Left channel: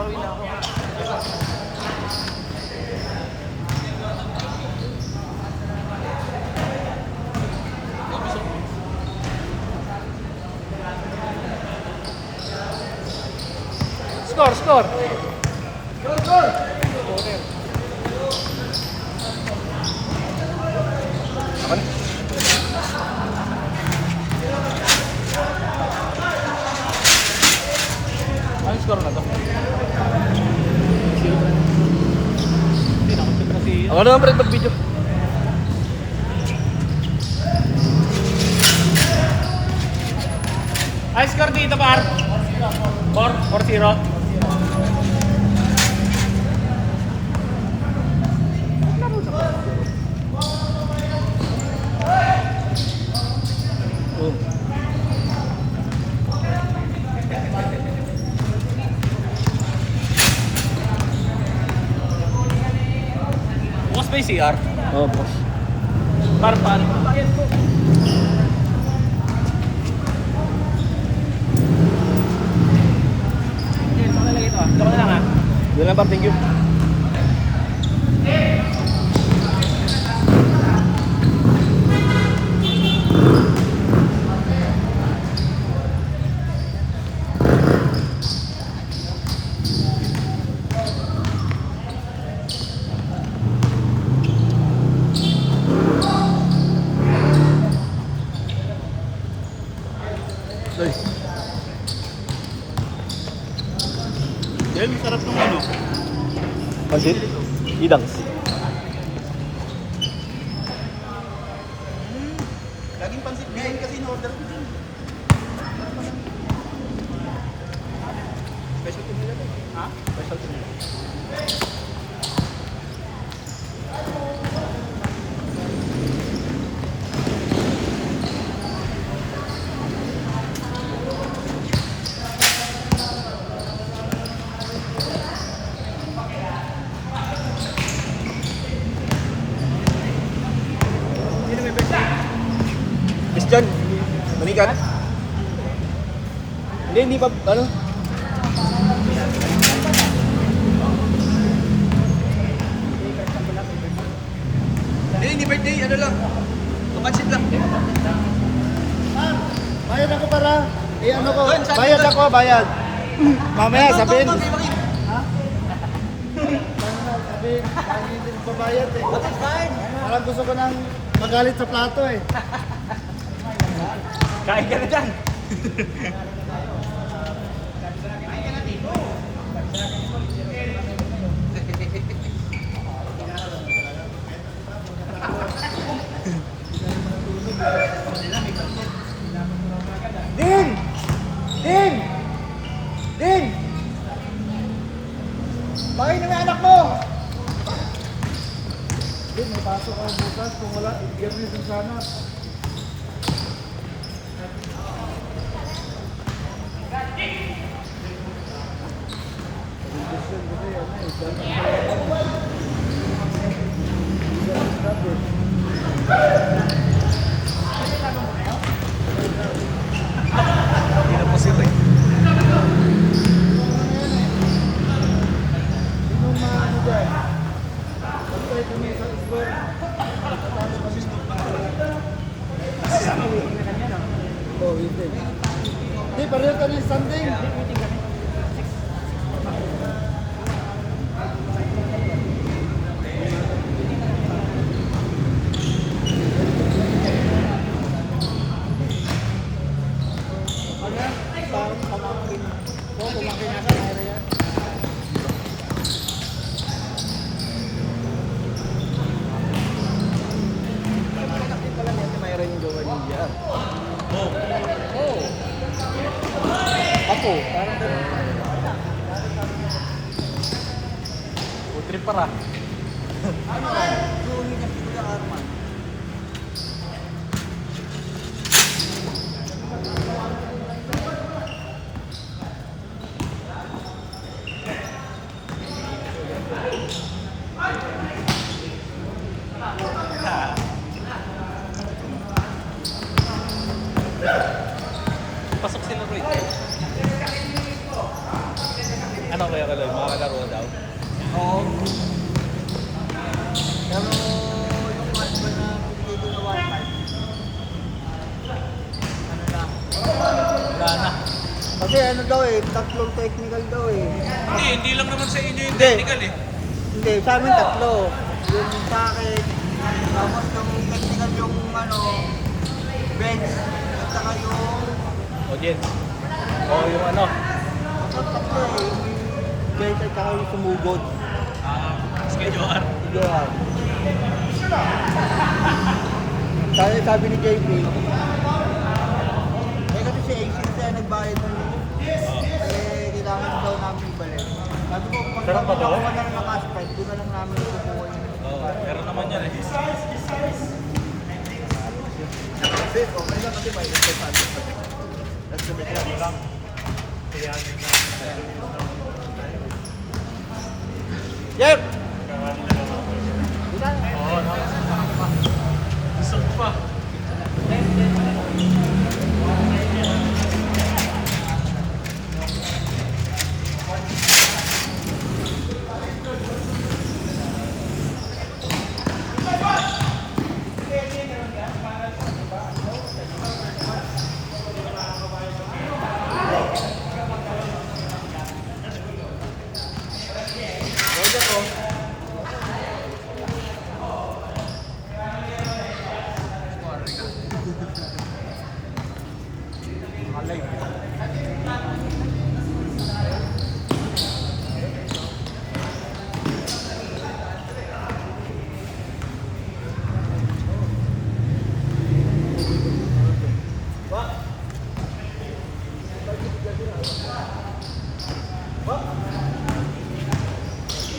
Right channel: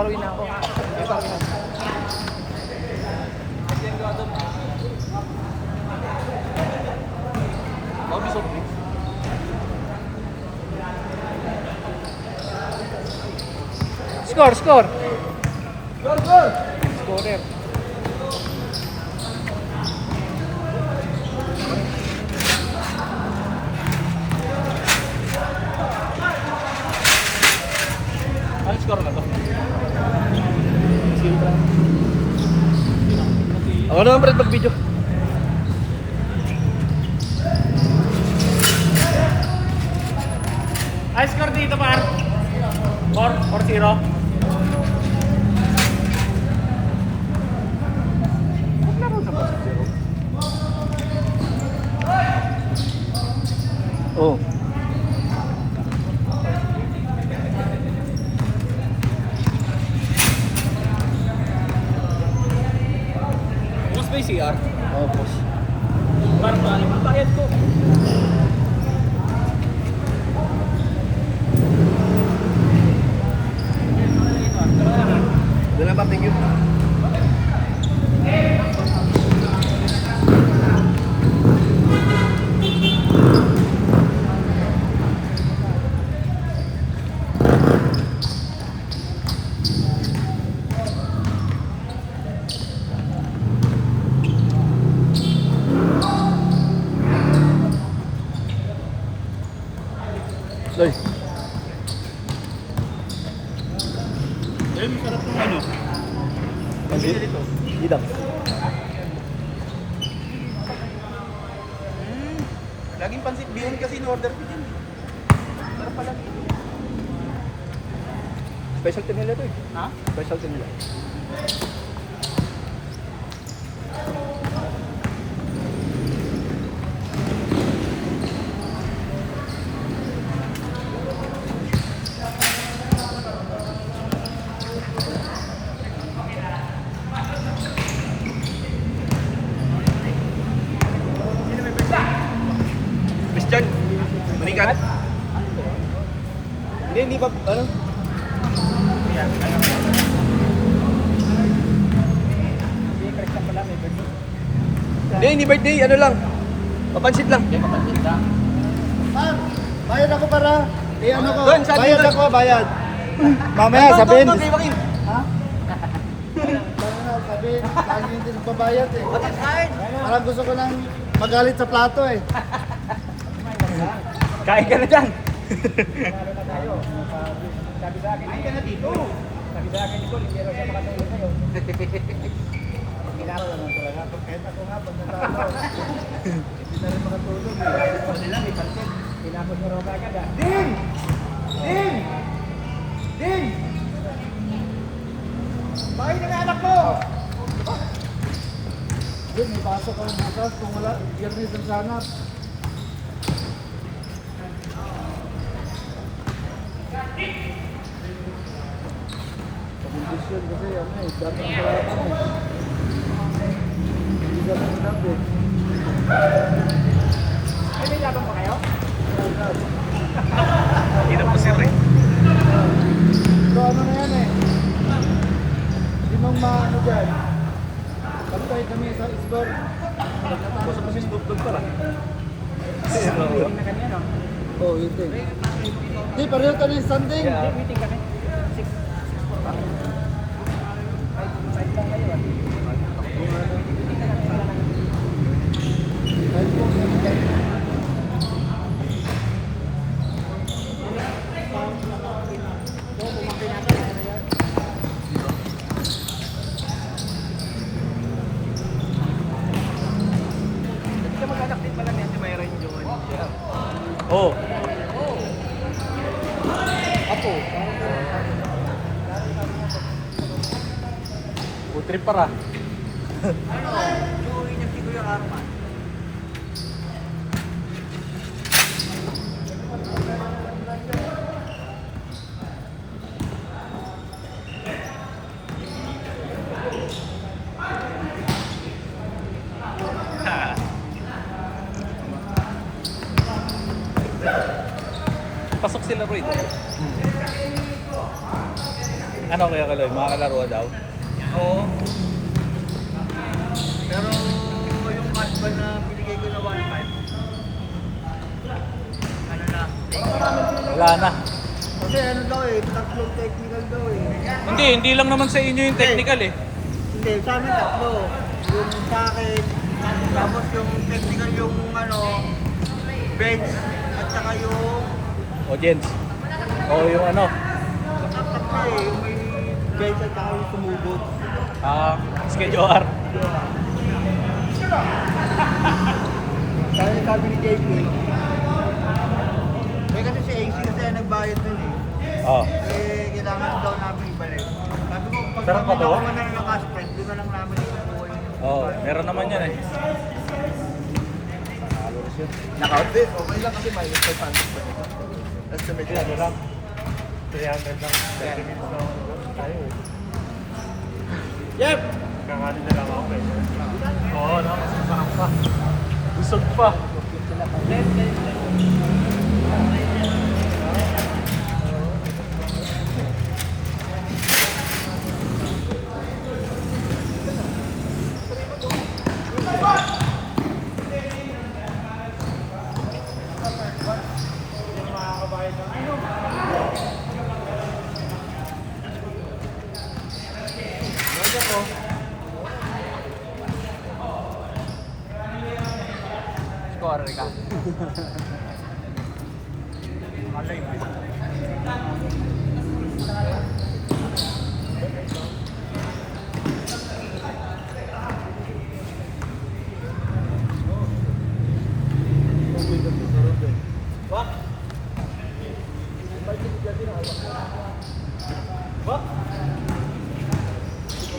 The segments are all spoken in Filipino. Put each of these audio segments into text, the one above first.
Paluin na. Score, score. Go, go! Ako naman Brad mag-video. High score dito par. 4-0. Oh. Bukas ba yung CR? Oo, boss. Para paano? Bakit ko? Ito lang ha? Doon lang pa, thank you. Ay. Yan, sarap ng ano? Pansit? Idangs. Laging pansit ngayon kasi in-order ko din. Specialty nila ito eh. Ha? Specialty nila. Christian, maning ka na? Hindi pa, ano? Hindi birthday, ano lang. Papansit lang. Ma'am, bayad ako para ano ko, Doon, sa atin, bayad doon. ako, bayad. Mamaya sabihin. Ito, kay Joaquin. Ha? Sabihin, lagi din babayad eh. Parang gusto ko nang magalit sa plato eh. Kain ka na dyan. Din! Din! Din! Bakit yung anak mo? Din, mapasok ka na bukas. Kung wala, yan din sana. Pag-investion kasi ano eh, dami ang kalaban. Hindi ka lang sinabi. Hindi na po sir eh. So ano na yan eh? Hindi mo maano dyan. Pagkay kami sa score. Pagkatapos kami sa doktor pala. Oo, ito eh. Hindi, pareho ka ng standing. Meeting kami. Oo. Ako. Trip para. Pasok sila bro. Ano kaya kaloy? Mga kalaro daw? Oo. Pero yung hardball na binigay ko na 1.5. Ano lang. Wala na. Kasi ano daw eh, tatlong technical daw eh. Hindi lang naman sa inyo yung technical eh. Hindi, sa amin tatlo. Yung sa akin, tapos yung technical yung ano, bench, at saka yung Audience. O yung ano. tatlo eh, yung may bench at saka yung sumugod. SKOR. Kaya sabi ni JP, kasi si AC kasi nagbayad ko Oh. eh, kailangan daw namin ibalik. Sabi ko, kung Meron pa to? kung na ng cash price, di ba lang namin nakukuha yun. Oo, meron naman yan eh. Naka-outfit? Okay lang kasi may ito sa amin. Yep! Oo, nakakasarap pa. Busog pa.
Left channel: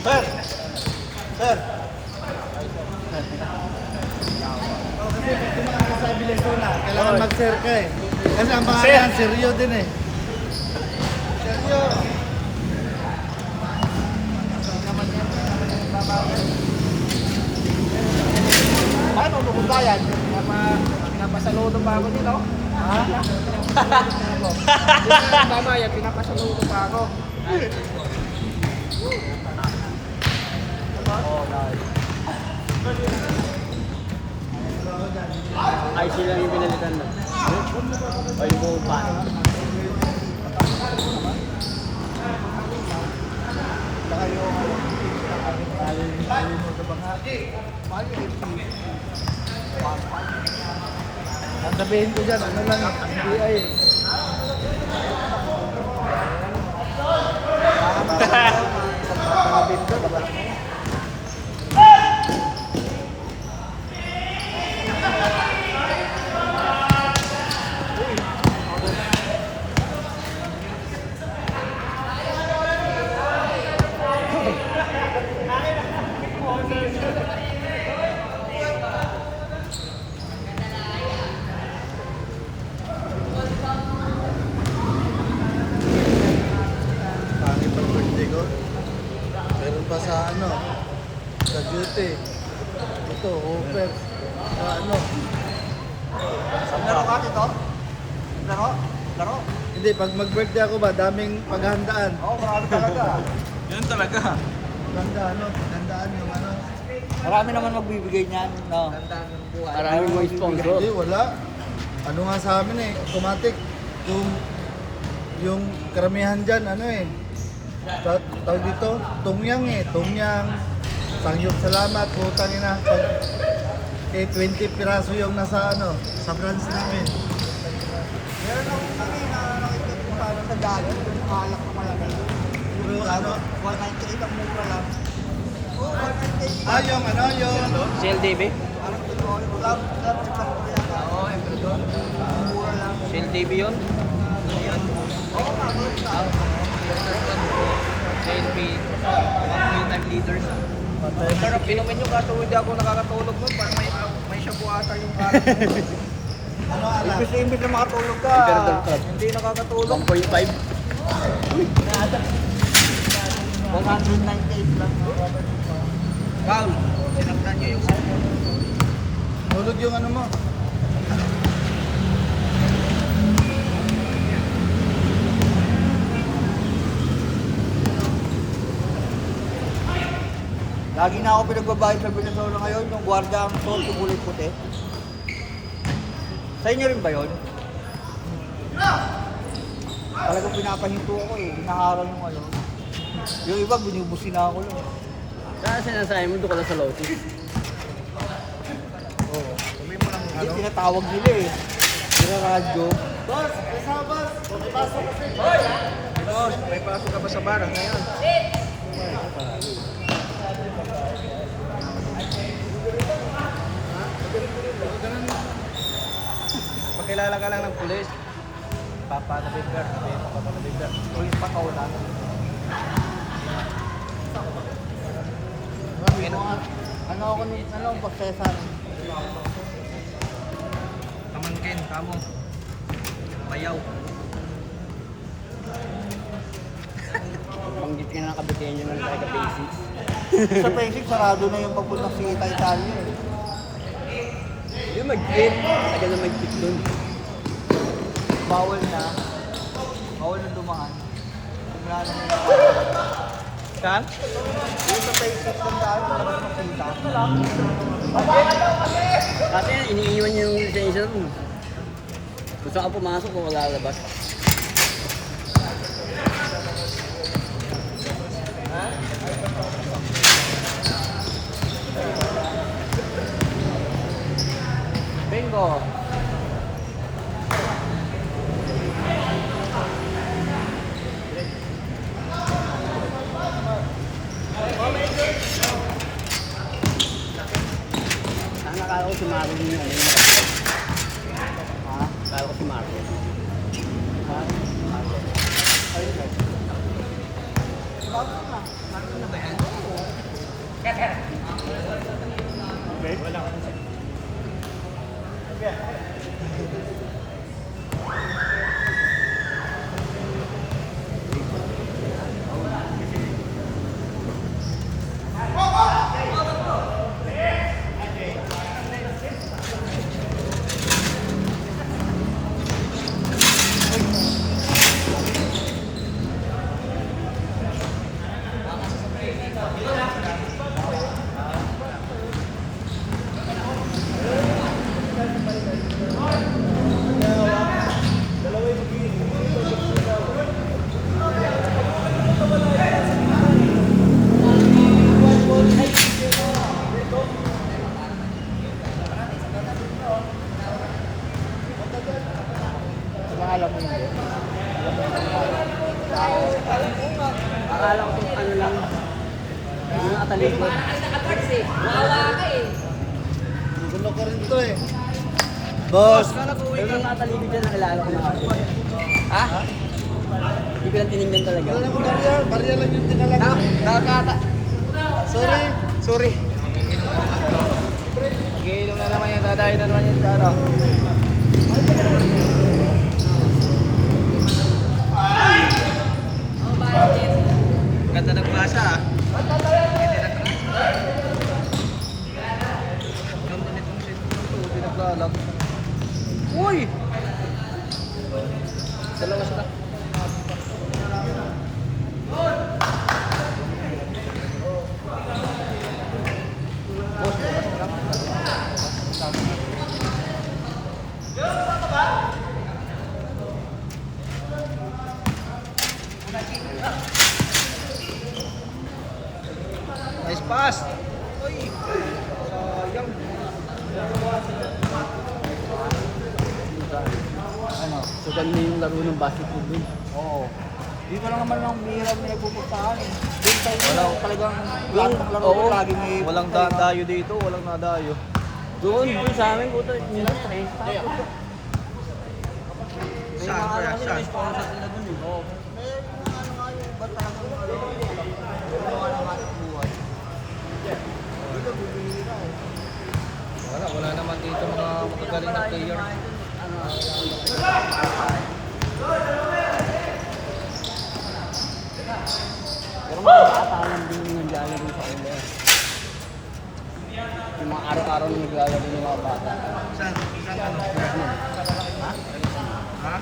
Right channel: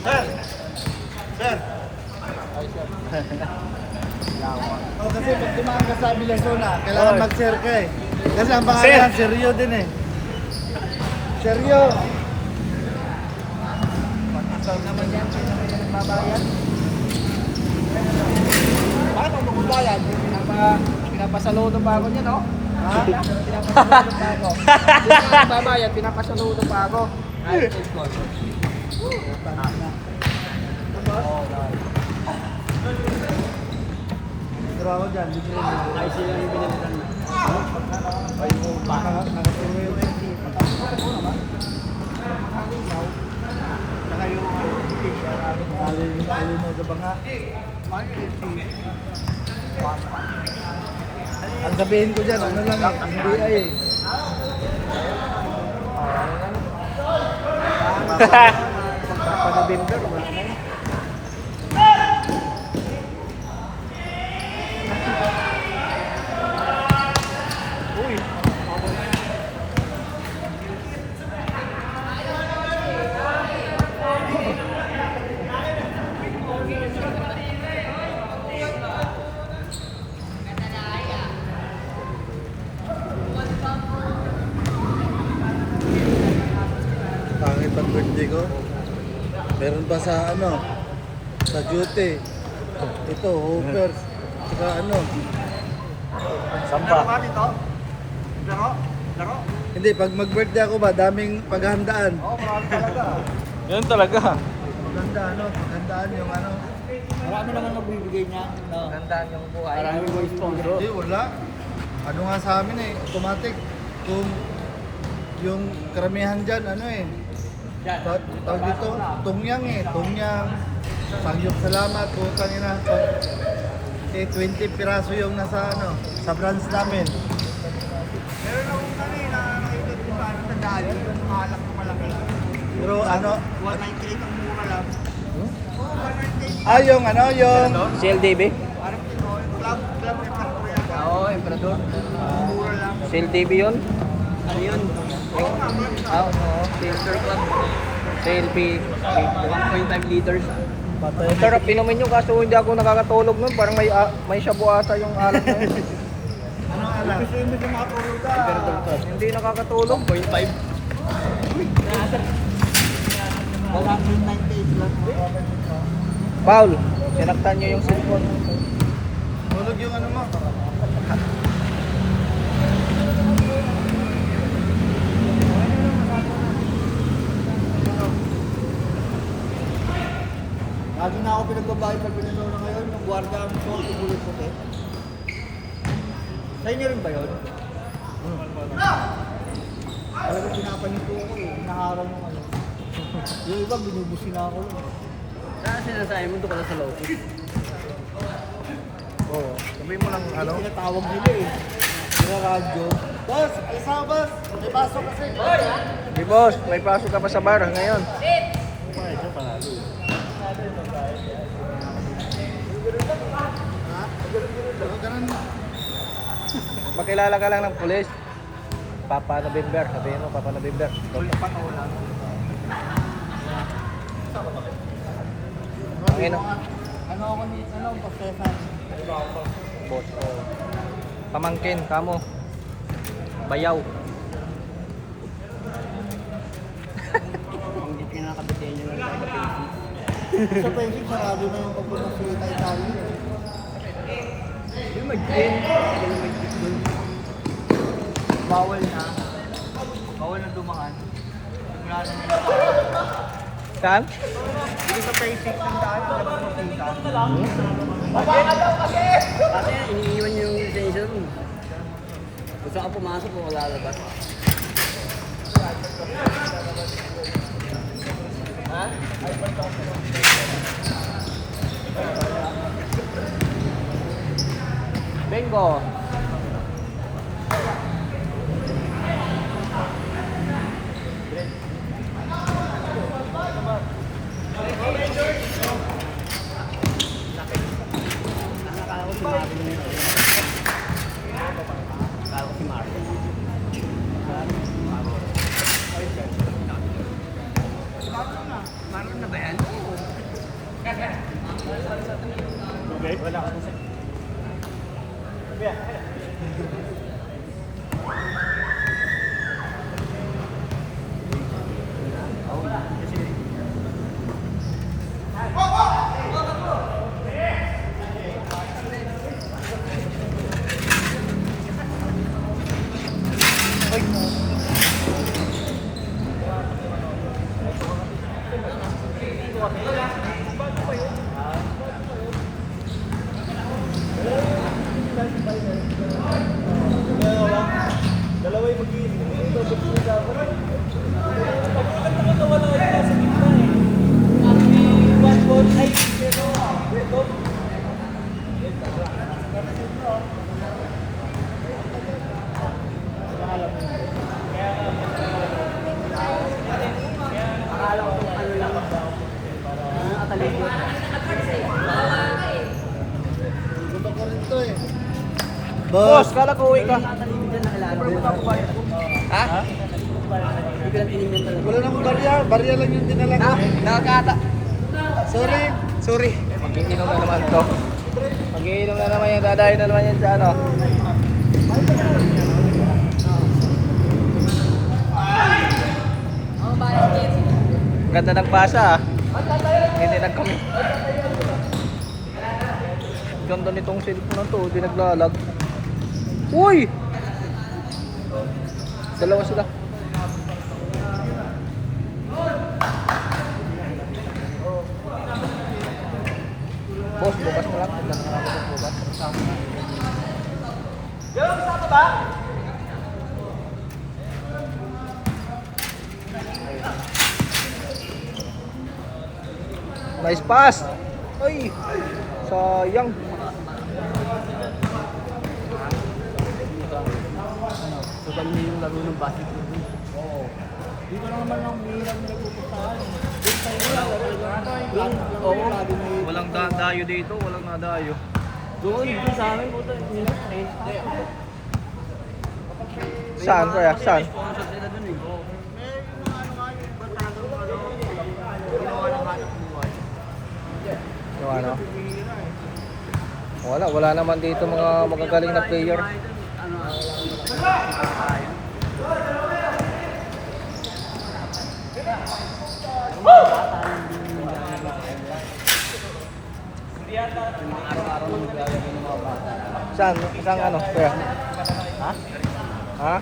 Sir! Sir! O kasi pag tumaan ka sa Bilesona, kailangan mag-share ka eh. Kasi ang pangalan, Seryo din eh. Seryo! Ano kung kaya? Pinapasaludo pa ako niya, no? Ha? Pinapasaludo pa ako. Hindi na babayad, pinapasaludo pa ako. Ay sila yung pinalitan na. Saka yung alin mo sa banga. Ang sabihin ko dyan, ano lang, FBI eh. Pangit ang birthday ko. Meron pa sa ano, sa duty. Ito, over. Sa ano. Laro ka dito? Laro? Laro? Hindi, pag mag-birthday ako ba, daming paghandaan. Oo, talaga. Yan talaga. Paghanda, ano, paghandaan yung ano. Marami naman magbibigay niyan, no? Paghandaan ng buhay. Marami mo sponsor. Hindi, wala. Ano nga sa amin eh, automatic. Yung karamihan dyan, ano eh. Tawag dito, tumyang eh. Tumyang. Sangyong salamat, putang ina. Eh, 20 piraso yung nasa ano, sa branch namin. Meron akong kanina nakikita ko parang sa diet, yung malak na malaki. Pero ano, 198 ang mura lang. Yung ano, yung... CLDB? Parang ito, yung club emperor yata. Oo, Emperador. Mura lang. CLDB yun? Ano yun? Oo, mabalik na. Filter Club. CNP. 1.5 liters. Sir, pinumin nyo kaso hindi ako nakakatulog nun. Parang may shabu ata yung alat na yun. Ano anak? Kasi imbis na makatulog ka, hindi nakakatulog. 0.5. 198 lang. Paul, sinaktan niya yung cellphone. Tulog yung ano mo. Lagi na ako pinagbabayad sa Venezuela ngayon, yung gwardiya ang short, yung kulay puti. Sa inyo rin ba yun? Talagang pinapahinto ko eh, hinaharang yung ano. Yung iba, binubusin na ako lang. Kaya sinasabi mo, doon ka lang sa Lotus. Oo. Sabihin mo lang ano. Yung tinatawag nila eh. Yung radyo. Boss, kasama boss. Pagpasok kasi. Boss, may pasok ka pa sa bar ngayon. Pakilala ka lang ng pulis. Papa na Bimber. Sabihin mo, Papa na Bimber. Pulis pa wala. Ano ako ni ano pagsesan? Boss ko. Pamangkin, kamo. Bayaw. Hindi ka na kabutihan nyo ng taga-basics. Sa basic, sarado na yung pagpunta si Tayo. Yung mag-gin, taga na mag-gin dun. Bawal na. Bawal na dumaan. Sigurado na yung Saan? yung sa basic ng daan, nakikita. Kasi iniiwan nyo yung lisensya mo. Gusto ka pumasok kung wala labas. Bingo! Nakakala ko si Marvin yun. Nakakala ko si Marvin. Marvin na ba yan? Wala. Alam mo yun. Akala ko kung ano lang. Mga katalikod. Gulo ko rin to eh. Boss! Kala ko ikaw mga katalikod dyan, nakilala ko yun. Ha? Hindi ko lang tinignan talaga. Wala naman barya. Barya lang yung dinala. Nakakata. Sorry. Sorry. Mag-inom na naman ko. Mag-iinom na naman yan. Dadahin na naman yan sa ano. Ganda ng pasa ah. Ganda ng ganda nitong cellphone to, hindi naglalag. Uy! Sila na sila. Nice pass! Ay! Sayang! Sugal niyo yung laro ng basketball mo. Oo. Dito lang naman ang bihirang na nagpupuntahan. Doon tayo talagang lahat ng laro Oo. lagi may... Walang dadayo dito, walang nadayo. Doon, sa amin, puto, nila yan eh. Saan? Saan? Sponsor sila dun eh. Oo. Wala naman dito mga magagaling na player. Ano, pero makakatalang din yung nangyari dito sa area. Yung mga araw-araw na naglalagay nila. Saan? Isang ano? Kaya? Ha? Ha?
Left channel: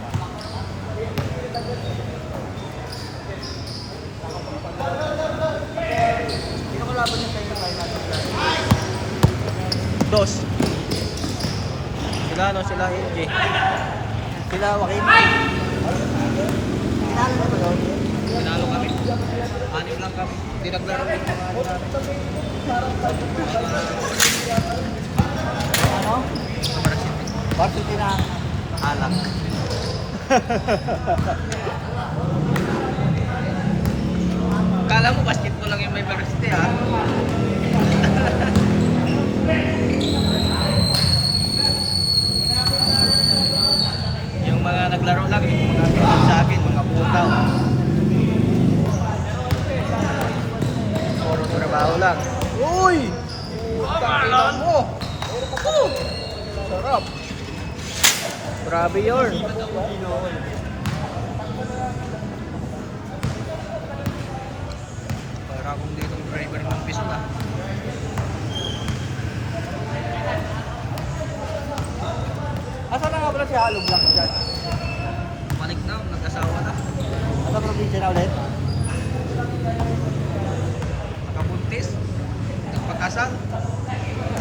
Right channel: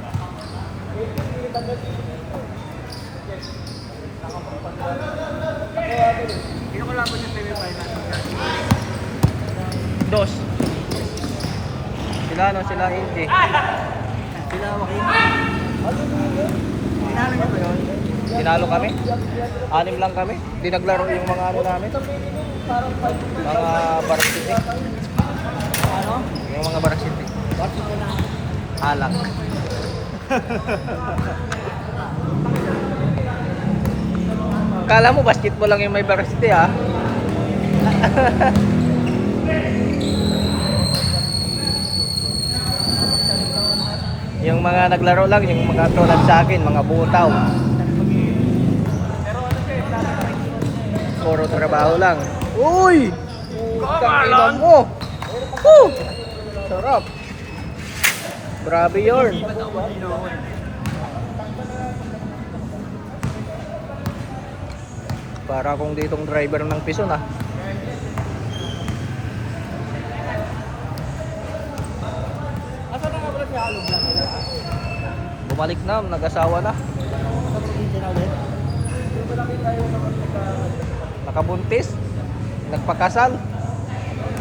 Hindi ko laban yung penalty. Dos. Sila ano, sila AJ. Sila Joaquin. Tinalo kami. Anim lang kami. Hindi naglaro yung mga ano namin. Mga Baraksiti. Yung mga Baraksiti. Varsity na. Alak. Kala mo basketball lang yung may Baraksiti ha? Yung mga naglaro lang, yung mga tulad sa akin, mga butaw. Puro trabaho lang. Uy! Kamalan mo! Woo! Sarap. Grabe yun. Para kung ditong driver ng Pison ah. Asa na nga pala si Alog lang? Bumalik na, nag-asawa na. Asa probinsya na ulit? Nakabuntis. Nagpakasal.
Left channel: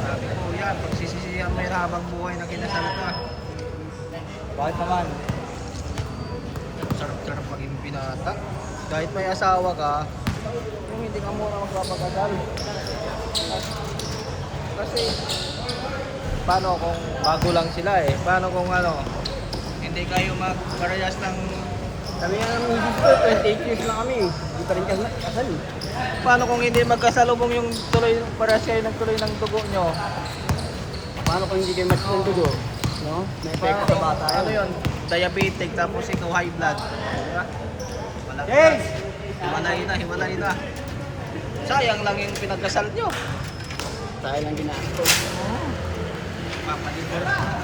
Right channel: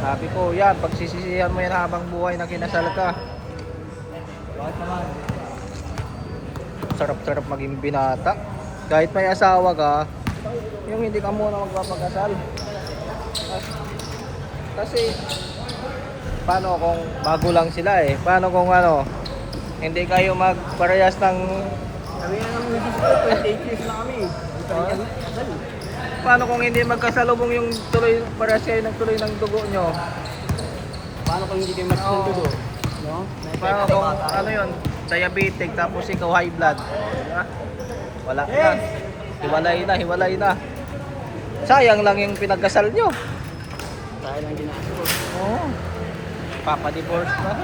Sabi ko, yan, pagsisisihan mo yan habang buhay na kinasal ka. Bakit naman? Sarap-sarap maging binata. Kahit may asawa ka, yung hindi ka muna mag-asal. Kasi, paano kung magulang sila eh? Paano kung ano, hindi kayo magparehas ng... Sabi nga ng usis ko, 28 years na kami. Hindi pa rin kami kasal. Paano kung hindi magkasalubong yung tuloy, parehas kayo ng tuloy ng dugo nyo? Paano kung hindi kayo matutulog? No? Paano kung ano yun, diabetic tapos ikaw high blood? Diba? Wala na. Yes! Hiwalay na. Sayang lang yung pinagkasal nyo. Dahil lang ginagawa. Oo. Papa-divorce na.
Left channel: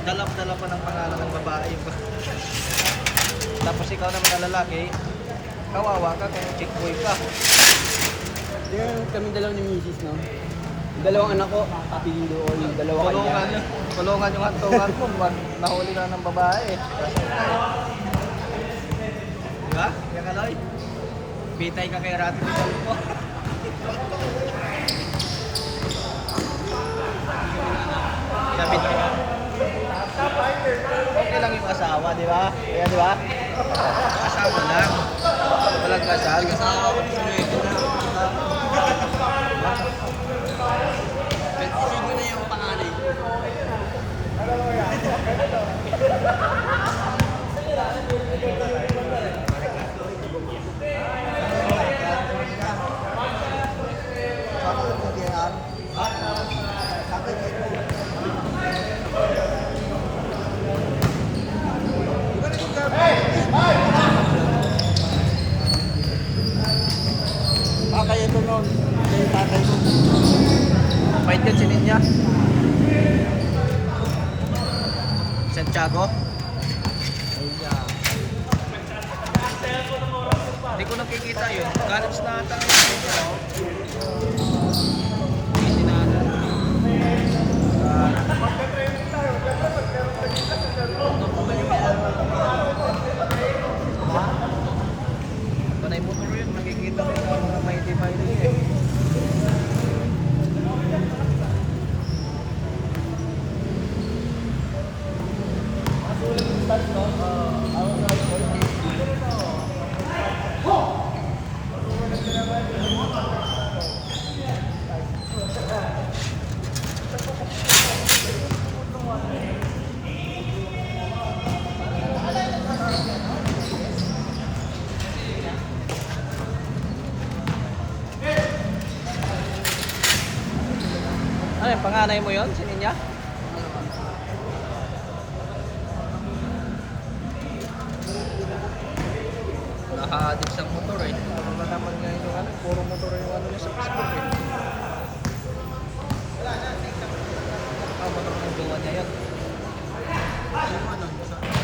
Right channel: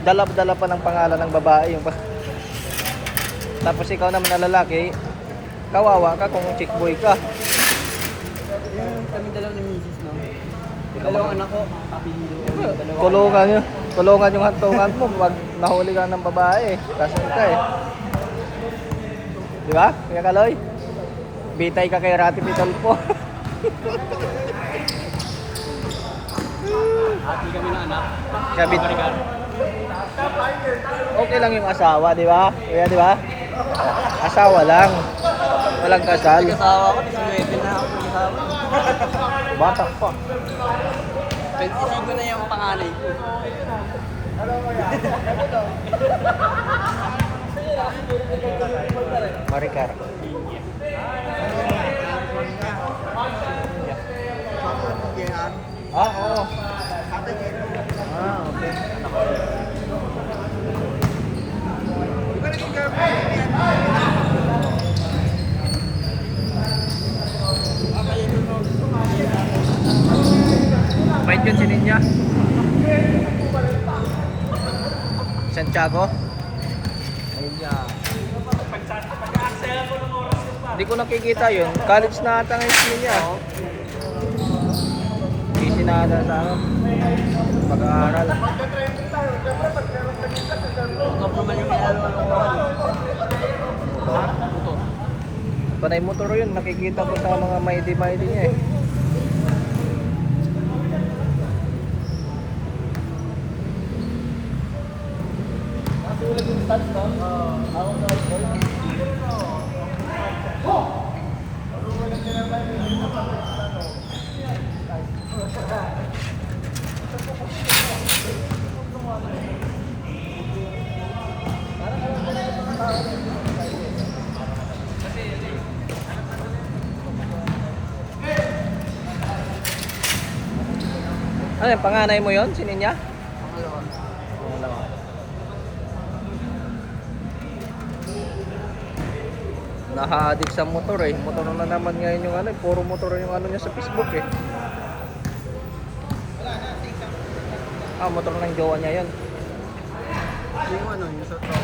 Dalap-dala pa ng pangalan ng babae yung tapos ikaw naman na lalaki, kawawa ka kung chick boy ka. Yung kami dalawa ni Mrs. no? Yung dalawang anak ko, apelido ko yung dalawa. Tulungan yung hantungan mo, wag mahuli ka ng babae. Kasi ito eh. Di ba? Yung Kaloy? Bitay ka kay Rati Rodolfo. Ati kami ng anak. Kaya bitay ka. Okay lang yung asawa, di ba? Kaya di ba? Asawa lang. Walang kasal. Nag-asawa ko, 19 na ako kasama. Bata pa. 25 na yung panganay ko. Marikat. Bait yun si Ninya. Santiago. Ninya. Hindi ko nakikita yun. College na ata ngayon si Ninya. Sinala na. Ha? Panay motor yun. Nakikita ko sa mga may niya eh. Ano yung panganay mo yun? Si Ninya? Naka-addict sa motor eh. Motor na naman ngayon yung ano. Puro motor yung ano niya sa Facebook eh. Motor ng jowa niya yun. Yung ano, yung sa tao.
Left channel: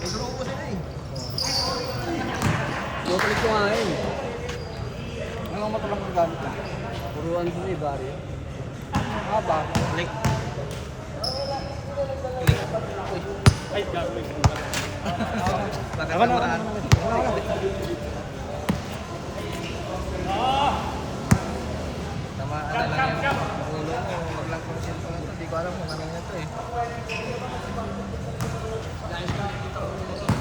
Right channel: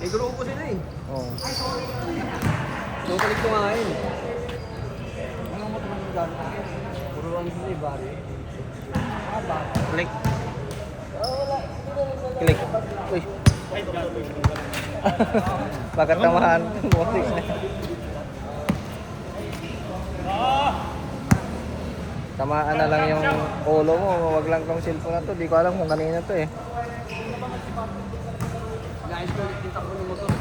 Eh, grupo sila eh. Tutulik ko nga yun. Anong motor ang gamit mo? Turuan sila eh, bari. Click. Click. Uy. Ay, gagawin ko. Pagkatamahan. Ah! Tamaan na lang yung ulo mo. Huwag lang tong cellphone na to. Di ko alam kung kanina to eh. Guys, ko nakita ko ng motor.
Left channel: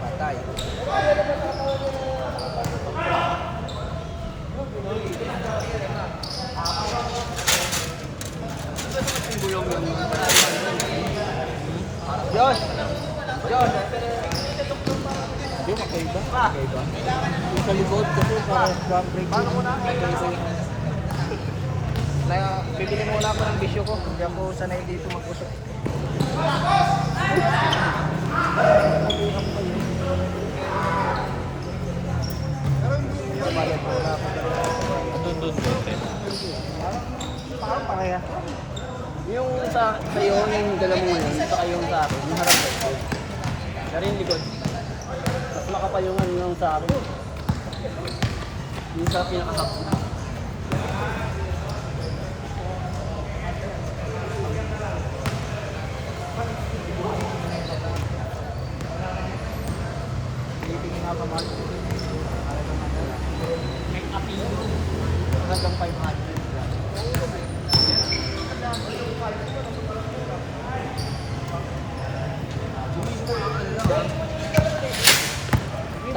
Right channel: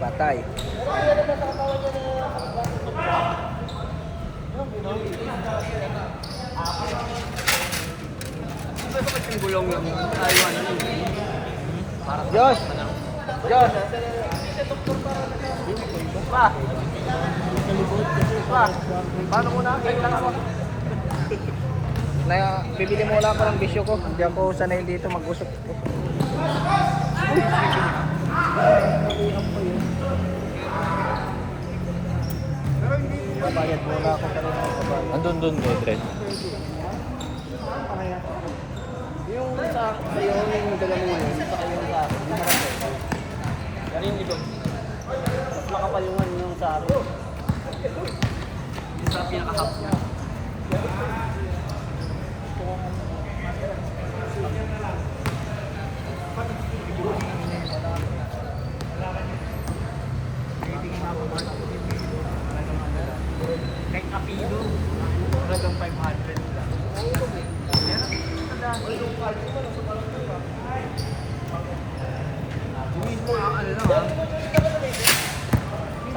Patay. Ano ba yung gulong lang yun? Taiwan yun. Para sa Diyos! Diyos! Yun, kaiba. Pa! Sa likod kasi Pa! sa Paano mo na? Kailan ako? Bibili mo lang ang bisyo ko. Hindi ako sanay dito mag-usip. Dun, Madrid. Kaya. Yung sa yung dala mo yun, saka yung sa akin. Narinig ko. Nakapayungan yung sa akin. Yung sa pinaka-half niya. Kahit apilo, hanggang 500.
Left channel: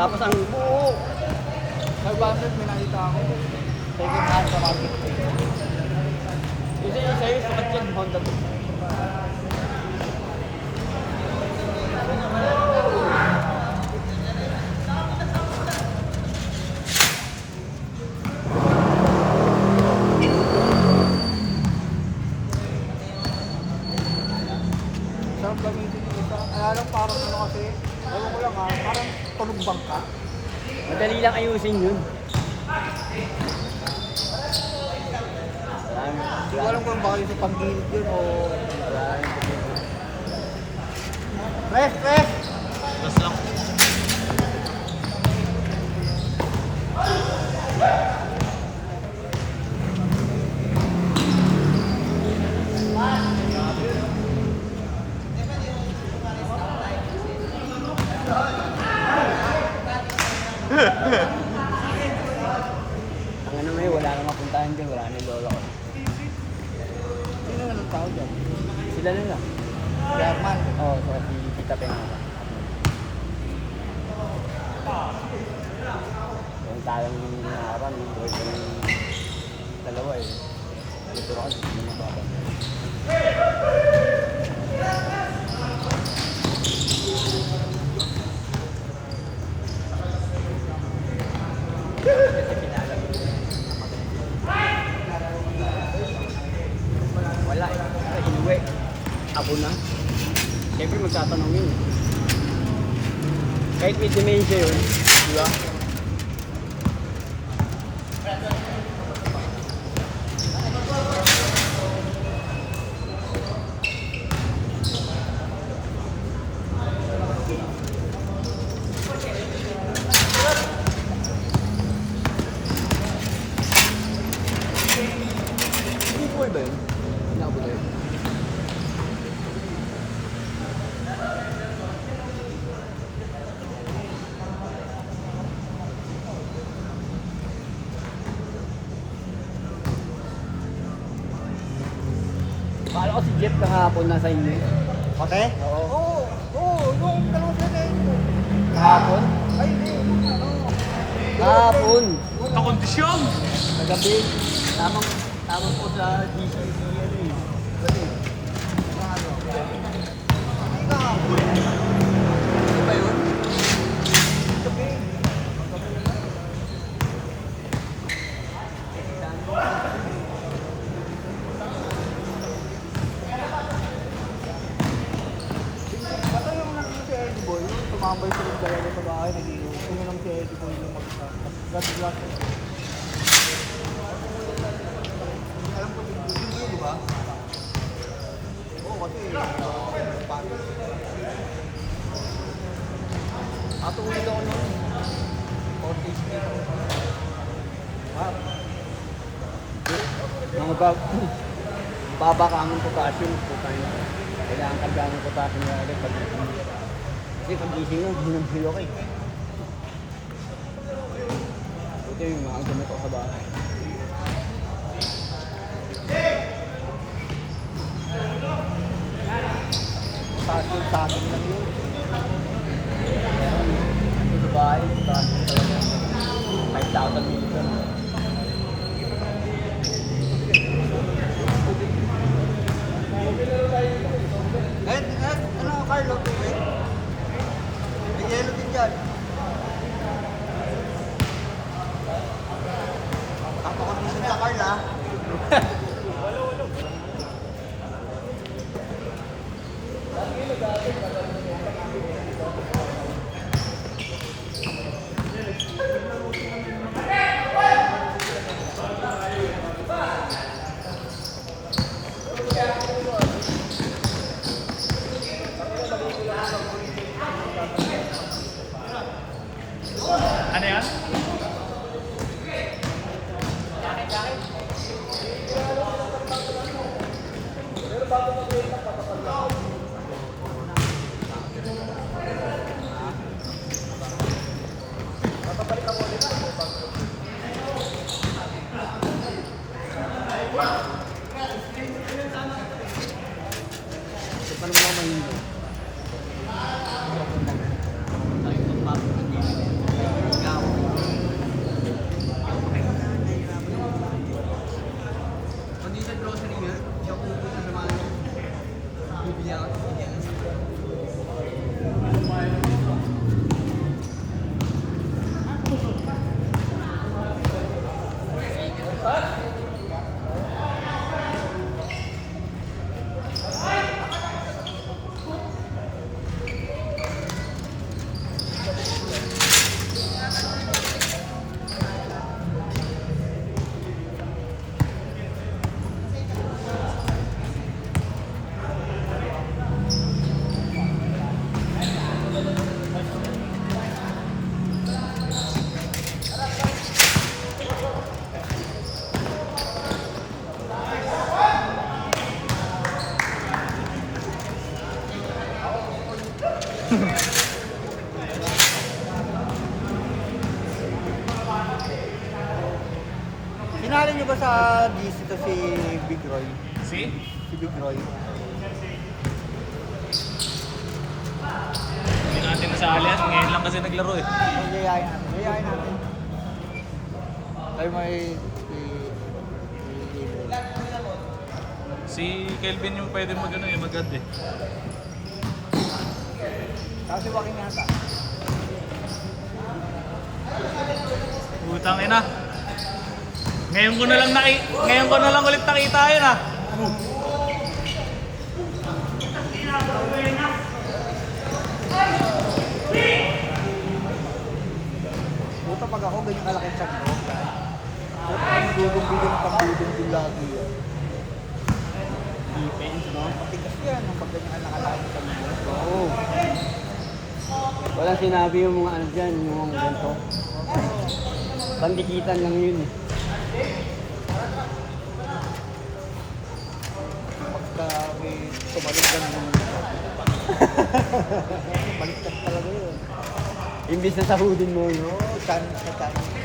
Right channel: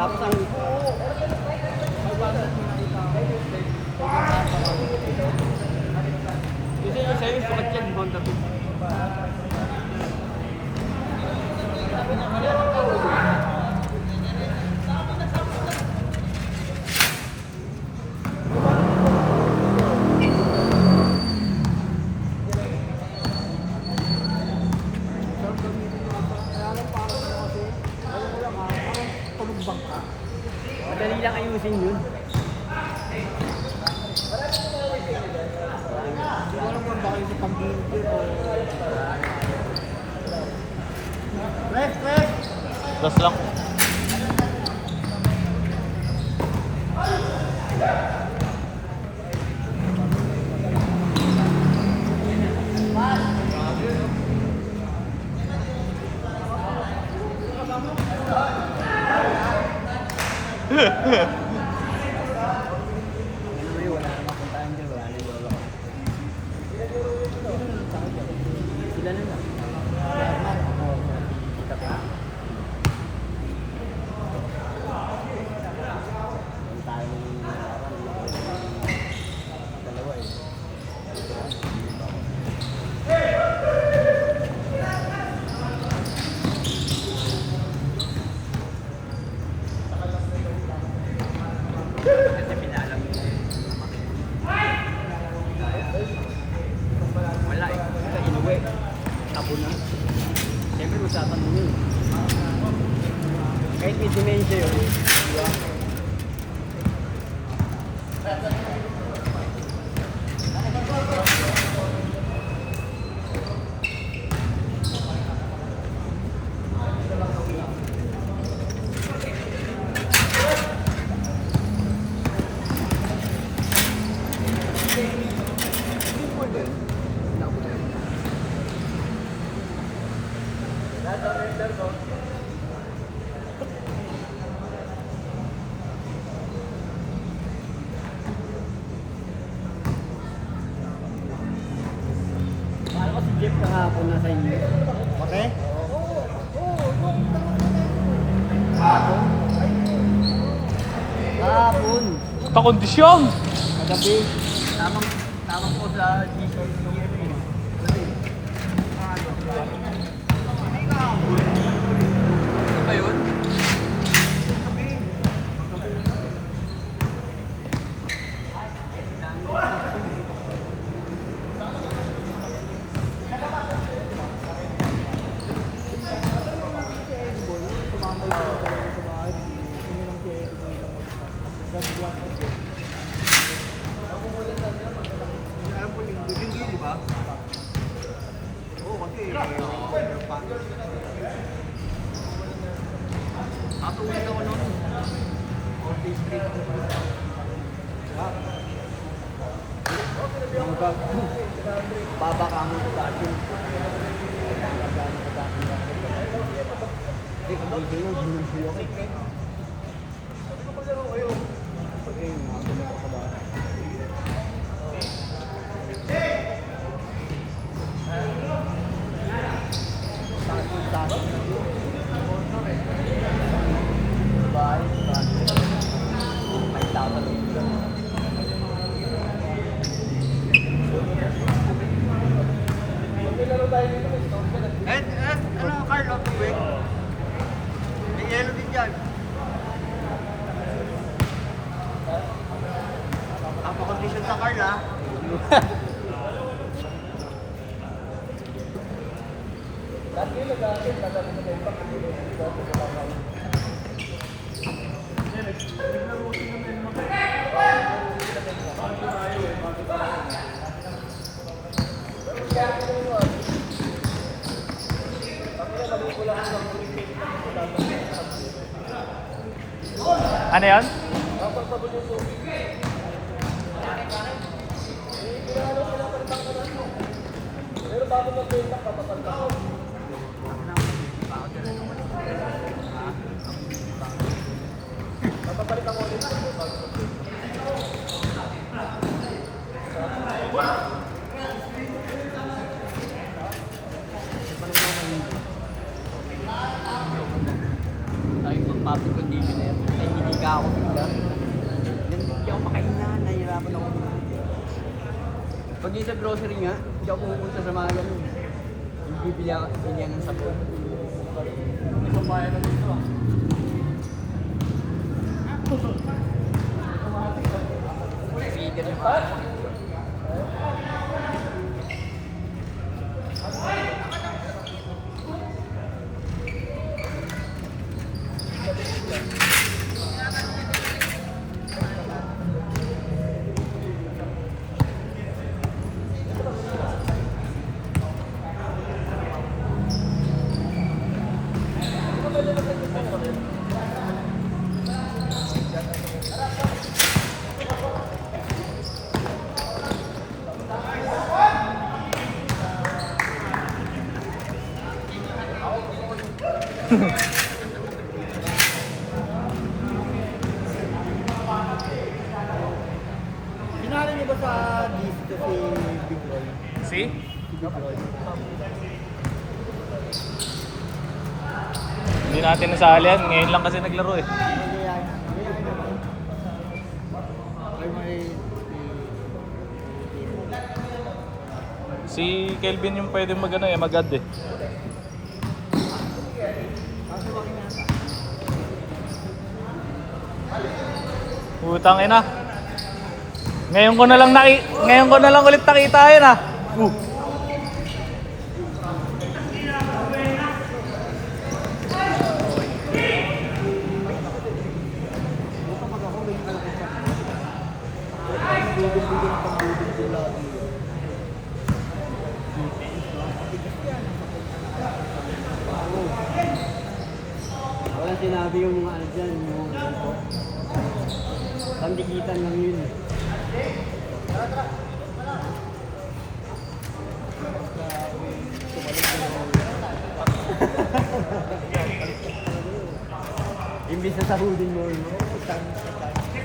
Tapos ang buo. May baso mo nakita ako. Second hand pa kami. Kasi yung sa'yo, second hand Honda to. Sarap gamitin yung ito. Kaya lang parang ano kasi. Ewan ko lang ha. Parang tunog bangka. Madali lang ayusin yun. Hindi ko alam kung bakit sa panggilid yun o... Press! Press! Das lang. Ang ano eh, wala nang mapuntahan dyan, wala nang lola ko. Sino nga ng tao dyan? Sila nila. German. Oo, sa Tita Pena. Yung tayong harapan, dalawa eh. Dito ako, dito ako. Wala eh. Uwi. Ako na. Siyempre magtatanong yun. Kahit may dementia yun. Di ba? Uy ba yun? Naku na yun. Paano ko si Jeff kahapon nasa inyo? Okay? Oo. Oo. Yung dalawang pinay. Kahapon? Kahapon. Pakondisyon! Gabi. Tamang po sa GCC ano eh. Dali. Ano ba yun? Ano yung si Eddie Boy? Tumambay sila dalawa sa bahay. Nag-iusin lang si Eddie Boy lang mag-isa. Gabi lang. Ato mo ikaw ano? Office space. Mga baba ka ang potassium. Kailangan ka gano'n ng potassium na rin. Kasi pag gising mo, hinumhilo ka eh. Ito yung mga ganito ka ba? Sakit-sakit na yun. Ay, sakit. Ano, Carlo? Tubig? May yelo din dyan. Kapakabusan sa Carla. Ano yan? Ay, pagpapag ko dito na yan. Ikaw. Hindi ako makaina. Nahihirapan ako. Pag yung sa grocery nga, hindi ako pupunta sa mga ganun. Bibili ako sa bigyan ng sakto. Sinali niyo ba sa GC to si Big Roy? Si? Si Big Roy. Hindi natin nasali yan. Ngayon lang kasi naglaro eh. Mayayain mo. Ay may... Si Kelvin yung pwede mag-ano eh, mag-add eh. Kaso bakit nata? Utang ina. Ngayon ko na lang ulit nakita yan ah. Buta pag ako ganyan kalaki siya. Dudong-dudong pang-dudong lagi. Tigas yan ang pagganyan kalaki siya. Oo. Walang sinabi yung mga ano dyan, yung ganito. Pandikitan lang yun. Tumalig ka naman. Palikat talaga yun. Imbis na sahudin mo yun,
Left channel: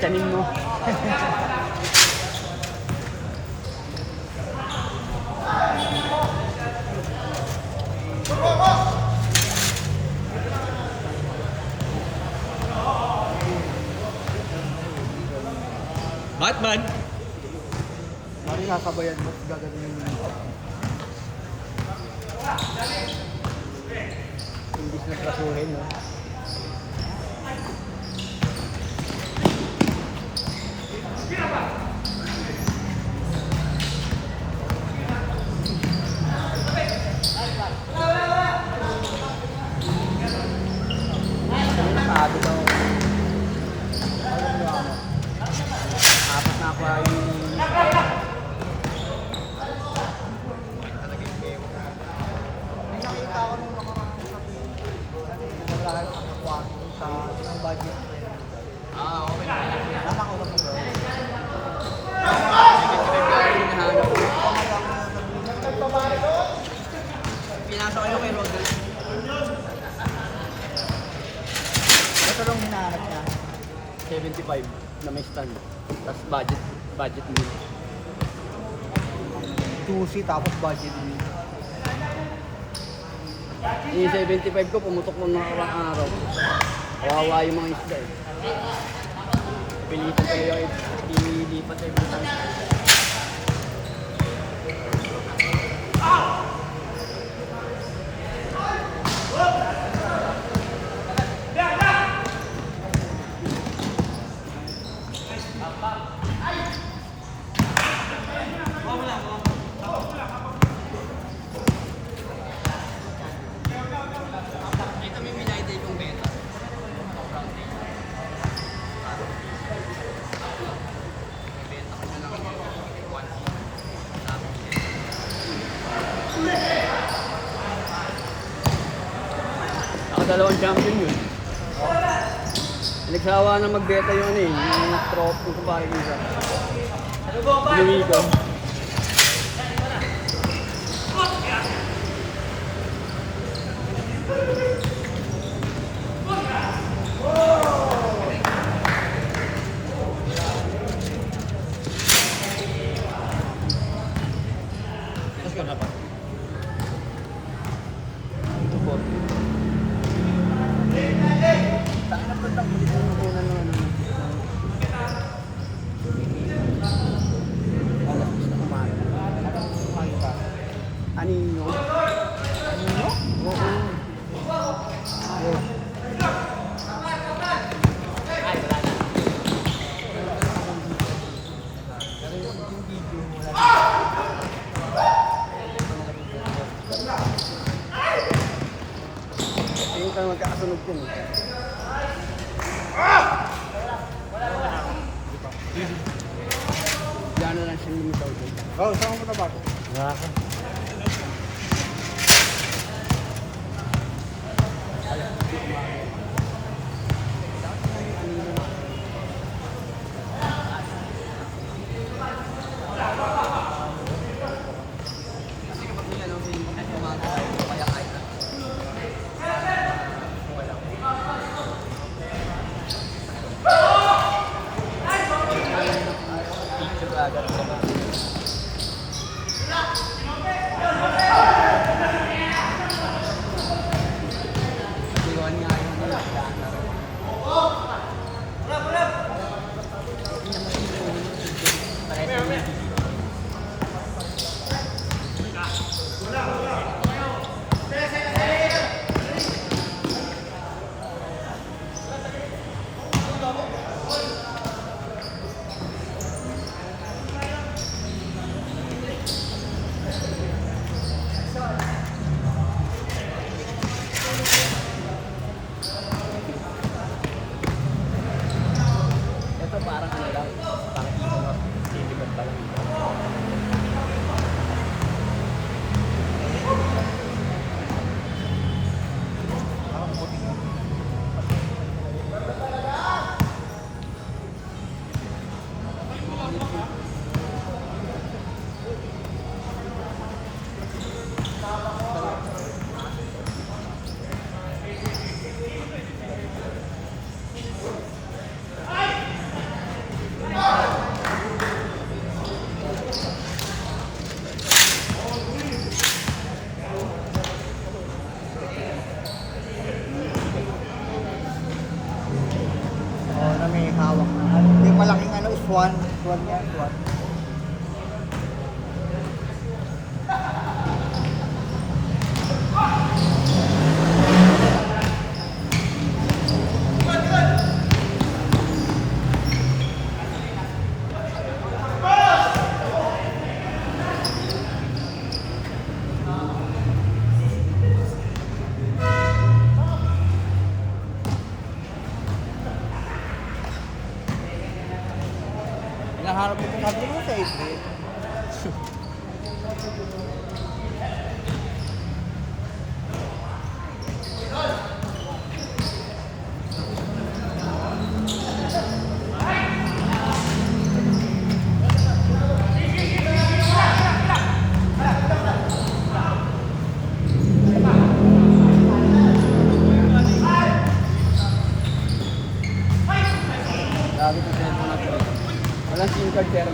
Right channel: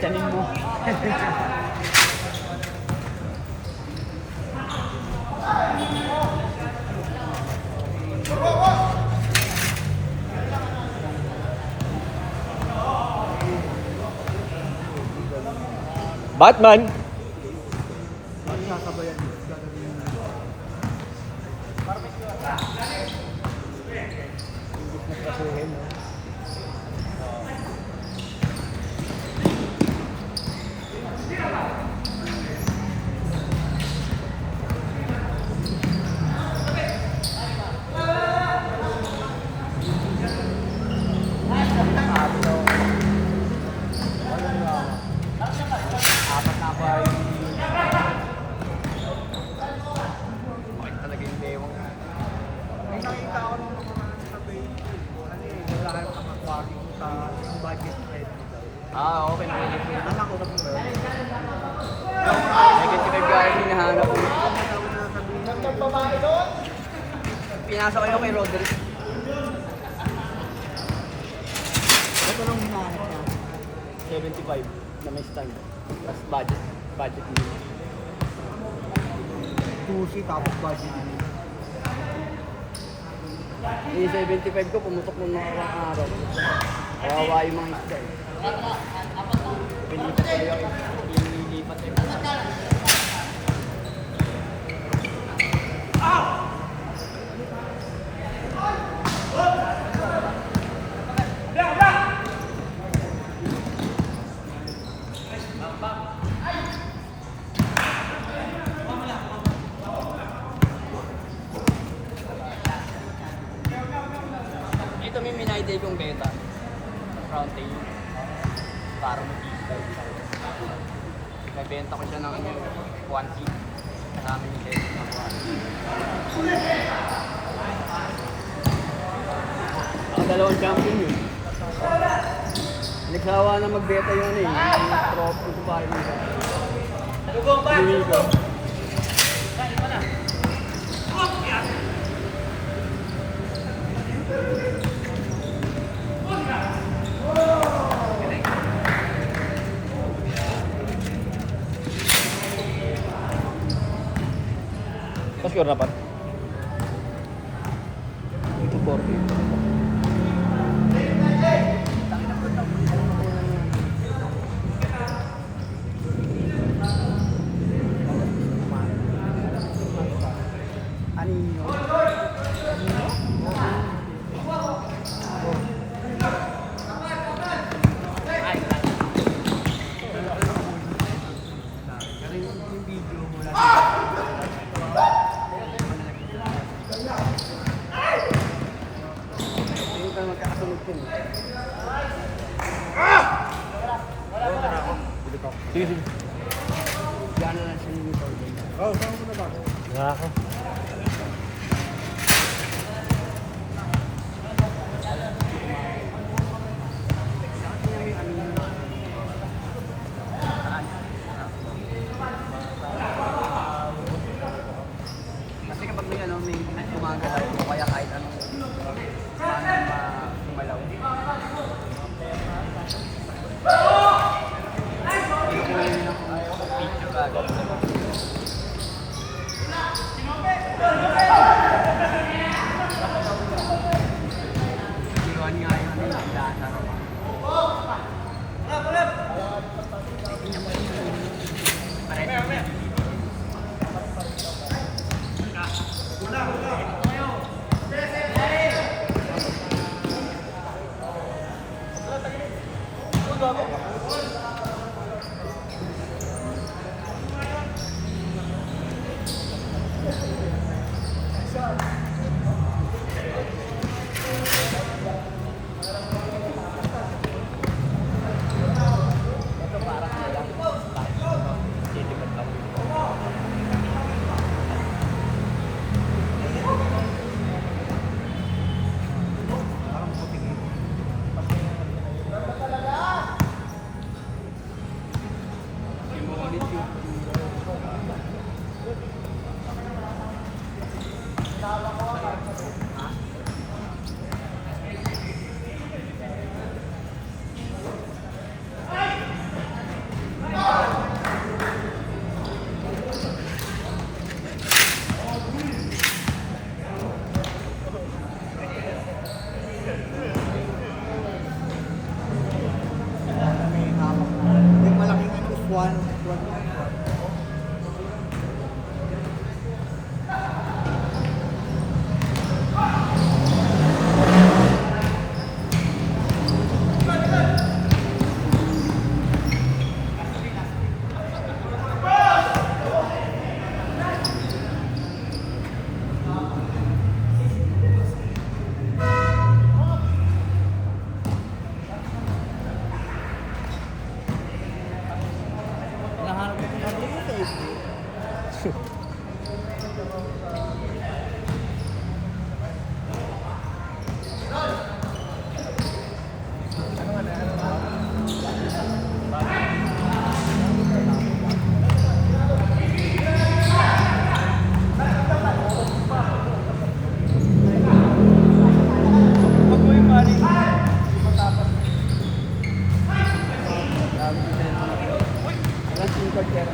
kanin mo. Batman! Hindi nakabayan, gagawin yun. Imbis na kasuhin. Okay na. Negative guy, hinahanap ko. Pinasa ko yung kay Roderick. Ito lang hinahanap niya. 75 na may install. Tapos budget mo. Sushi tapos budget mo. Yung 75 ko, pumutok ng mga araw. Kawawa yung mga isda eh. Pilitan ko yung ilipat yung ito may minayday kong beta. Round table. Paro. May benta ko siya ng 1K. Namin yung beta. Dalawang champion yun. Nagsawa na magbeta yun eh. Yung trophy ko ba yun. Lumigo. Tapos ko dapat. Anino. Ay, wala na. Pero yung video, wala na. Tingin ka magkakasunod ko. Diyan na lang siya yung motor. Oh, saan mo na ba? Wala ka. Kasi kapag may ano, may gumagalaw, kaya kahit ano, parang gumalaw. Ayun lang kung picture agad. Walang SIM card kaya.